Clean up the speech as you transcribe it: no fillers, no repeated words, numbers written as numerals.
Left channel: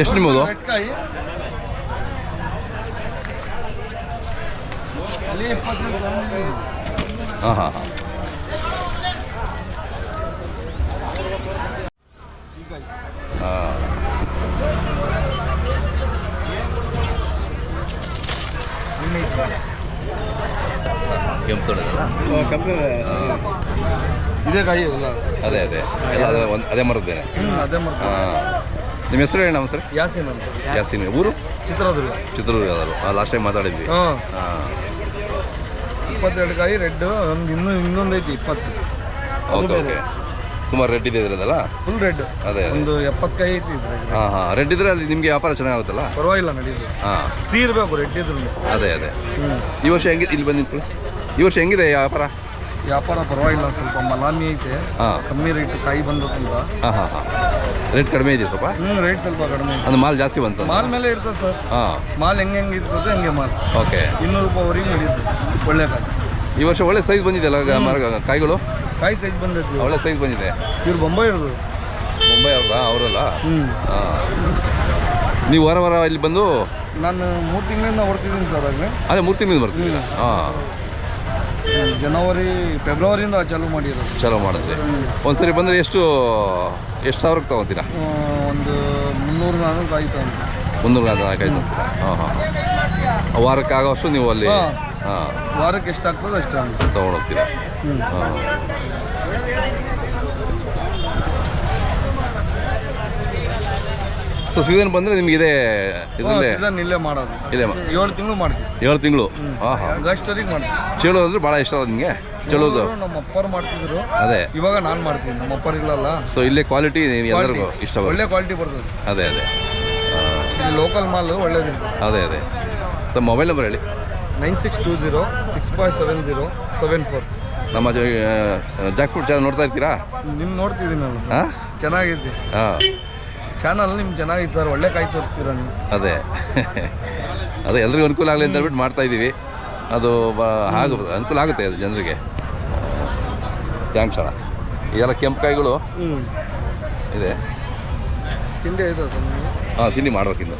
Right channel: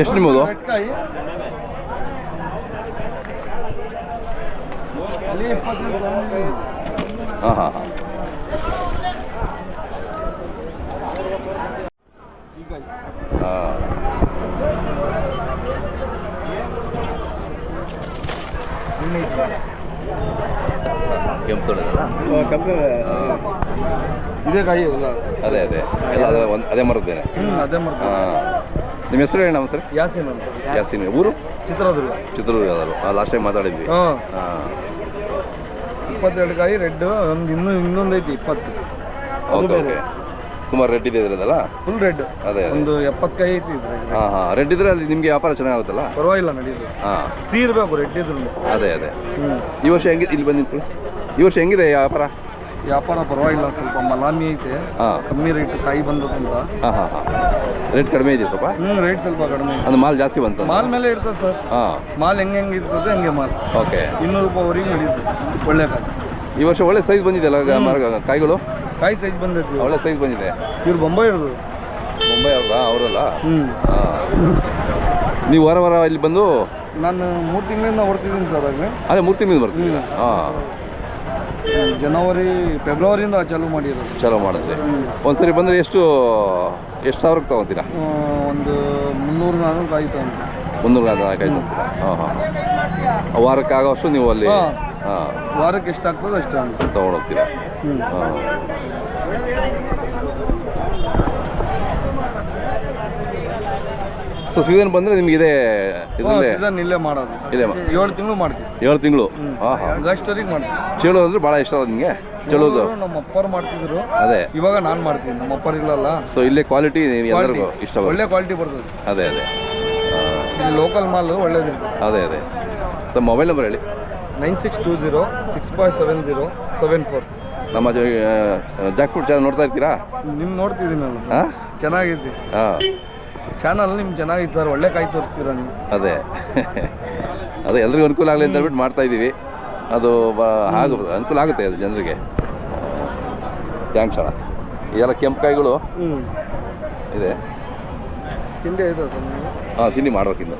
ಎಷ್ಟು ನಿಮ್ಮದು? ಹಾಂ ಹಾಂ ಹಾಂ. ಕೆಂಪು ತೊಳೆದಲ್ಲ ಇದೇ ಕಾಯಿ ಅಲ್ಲ? ಅದೇ ಅದೇ ಅದೇ ಮರದ್ದೇನೆ. ಅದೇ ಮರ. ನಿಮ್ಮ ಹೆಸರು ಏನು? ನಮ್ಮ ಸರ್ ಯಾಸೀನ್ ಅಂತ. ಯಾಸೀನ್. ಊರು? ಚಿತ್ರದುರ್ಗ. ಚಿತ್ರದುರ್ಗ. ಲಾಸ್ಟ್ ಟೈಮ್ ಮಾತಾಡಿದ್ವಿ. ಹಾಂ. ಹಾಂ. 22 ಕಾಯಿ ರೆಡ್. ಇನ್ನೊಂದು ಐತಿ 20. Okay okay. ಸುಮಾರು ರೆಡ್ ಇದೆ ಇದ್ರದಲ್ಲ? Full red. ಅದೇ ಒಂದು 70 ಕಾಯಿ ಐತಿ ಇದ್ರೆ. ಹಾಂ ಹಾಂ. ರೆಡ್ ಇದ್ರೆ ಅದು ನಿಮಗೆ ವ್ಯಾಪಾರ ಚೆನ್ನಾಗುತ್ತಲ್ಲ? ಪರವಾಗಿಲ್ಲ, ನಡೀತದೆ. ಹಾಂ. ಇರಬೇಕು ರೆಡ್ ಇದ್ರು. ಅದೇ ಅದೇ. ಈ ವರ್ಷ ಹೆಂಗಿದೆ ಇಲ್ಲಿ ಬಂದಿತ್ತು? ಈ ವರ್ಷ ಹೆಂಗಿದೆ ವ್ಯಾಪಾರ? ವ್ಯಾಪಾರ ಪರವಾಗಿಲ್ಲ, ಸ್ವಲ್ಪ ಮಲಾಮಿ ಐತೆ. ಕಮ್ಮಿ ರೇಟ್ ಕಾಯಿ ಬಂದಕ್ಕಂತ. ಹಾಂ ಹಾಂ ಹಾಂ. ರೇಟ್ ಕಡಿಮೆ ಇದೆ ಸ್ವಲ್ಪ? ರೇಟ್ ಸ್ವಲ್ಪ ಕಡಿಮೆ. ಅದು ಮಾಲ್ ಜಾಸ್ತಿ ಬಂತು? ಮಾಲ್ ಮೇಲೆ ಇರ್ತದೆ ಸರ್. ಹಾಂ. ಮಾಲ್ ಹೆಂಗೆ ಇರ್ತದೆ ಹಂಗೆ ಮಾಲ್. ಓಕೆ. 200 ರೂಪಾಯಿವರೆಗೆ ನಡೀತದೆ ಒಳ್ಳೆ ಕಾಯಿ. ಈ ವರ್ಷ ಒಳ್ಳೆ ಸೈಜ್ ಬಂದಿದೆಯಲ್ಲ ಕಾಯಿಗಳು? ಕಾಯಿ ಸೈಜ್ ಬಂದೈತಿ, ಒಳ್ಳೆ ಸೈಜ್ ಬಂದಿದೆ. ಇವ್ರು ಬೊಂಬೈ ಇರೋದು. ಮುಂಬೈ ಅವ್ರಾ? ಅವರಲ್ಲ? ನೀವು ವಾರ ವಾರ ಇಲ್ಲಿ ಬಂದು? ನಾನು 3 ತಿಂಗಳಿಂದ ಬರ್ತಿದ್ದೀನಿ ಸರ್. ಆಗಲೇ ಅದೇ 3 ತಿಂಗಳಿಂದ ಬರ್ತೀನಿ. ಹಾಂ. ಫೆಬ್ರವರಿಯಿಂದ ಚಾಲೂ ಮಾಡಿರೋದು. ಚಾಲೂ ಮಾಡಿದ್ರಿ. ಒಂದ್ಸರಿ ಬಂದರೆ ಎಷ್ಟು ಸಾವಿರಕ್ಕೆ ತೊಗೊತೀರಾ? ಒಂದು 300-400 ಕಾಯಿ ತಗೊಂಡು. 300-400 ಕಾಯಿ ತೊಗೊತೀರಾ? ಹಾಂ ಹಾಂ. ವಾರಕ್ಕೆ ಆಗೋಷ್ಟು ನೀವು ಅಲ್ಲಿ? ಹಾಂ. ವಾರಕ್ಕೆ ಎಷ್ಟಾಗ್ತದೆ ಅಷ್ಟು ತೊಗೊಂಡೋಗ್ತೀರಾ? ಹಾಂ. ಸೊ ಸೀಸನ್ ಬಂದರೆ ನಿಮ್ಗೆ ಇದೇ ಸೀಸನ್ ಇಲ್ಲೇ ಮಾಡೋದು. ಇದೇ 7 ತಿಂಗಳು ಮಾಡ್ತೀವಿ. 7 ತಿಂಗಳು? ಹಾಂ ಹಾಂ. ಆಗಸ್ಟ್ವರೆಗೆ ಮಾಡ್ತೀವಿ. ಚೇಳು ಅಂದ್ರೆ ಭಾಳ ಇಷ್ಟ ಅಲ್ಲ ನಿಮಗೆ? ಚೇಳೋದು ನಮ್ಮ ಅಪ್ಪರು ಮಾಡ್ತಿದ್ರು. ಅದೇ ಇವಾಗ ನಾನು ಮಾಡ್ತೀನಿ, ನಮ್ಮ ಅಪ್ಪರು ಇಲ್ಲಲ್ಲ. ಸೊ ಇಲ್ಲೇ ಕ್ವಾಲಿಟಿ ಎಲ್ಲರಿಗೂ ಇಷ್ಟ, ಒಳ್ಳೆ ಕ್ವಾಲಿಟಿ ಬರ್ತದೆ. ಅದೇ ಅದೇ. ಇಲ್ಲಿ ಲೋಕಲ್ ಮಾಲ್ ಒಳ್ಳೇದಿರ್ತದೆ. ಅದೇ ಅದೇ. ತಮ್ಮ ಮೊಬೈಲ್ ನಂಬರ್ ಹೇಳಿ. 9620657074. ನಮ್ಮ ಜಾಕ್ ಫ್ರೂಟ್ ಚಾನಲ್ ನೋಡ್ತಾ ಇರ್ತೀರಾ? ನಿಮ್ಮ ನೋಡ್ತಿದ್ದೀನಲ್ಲ ಸರ್. ಹಾಂ, ಚೆನ್ನಾಗೈತಿ. ಹಾಂ, ಚಾನಲ್ ನಿಮ್ಗೆ ಚೆನ್ನಾಗಿತ್ತು ಸರ್. ಒಳ್ಳೆ ಕಾಯಿ ತೋರಿಸ್ತೀರಾ ನೀವು. ಅದೇ ಅದೇ ಎಲ್ರಿಗೂ ಅನುಕೂಲ ಆಗಲಿ ಅಂತ ಹೇಳ್ಬಿಟ್ಟು ಮಾಡ್ತಾ ಇದ್ದೀವಿ. ಅದು ಅನುಕೂಲ ಆಗುತ್ತೆ ಅದು ಜನರಿಗೆ. ಥ್ಯಾಂಕ್ಸ್ ಅಣ್ಣ. ಇದೆಲ್ಲ ಕೆಂಪು ಕಾಯಿಗಳು ಇದೆ. ತಿಂಡಿ ಆಯ್ತಾ ಸರ್? ಹಾಂ, ತಿಂಡಿ ಮಾಡ್ಬೇಕಿನ್ನು.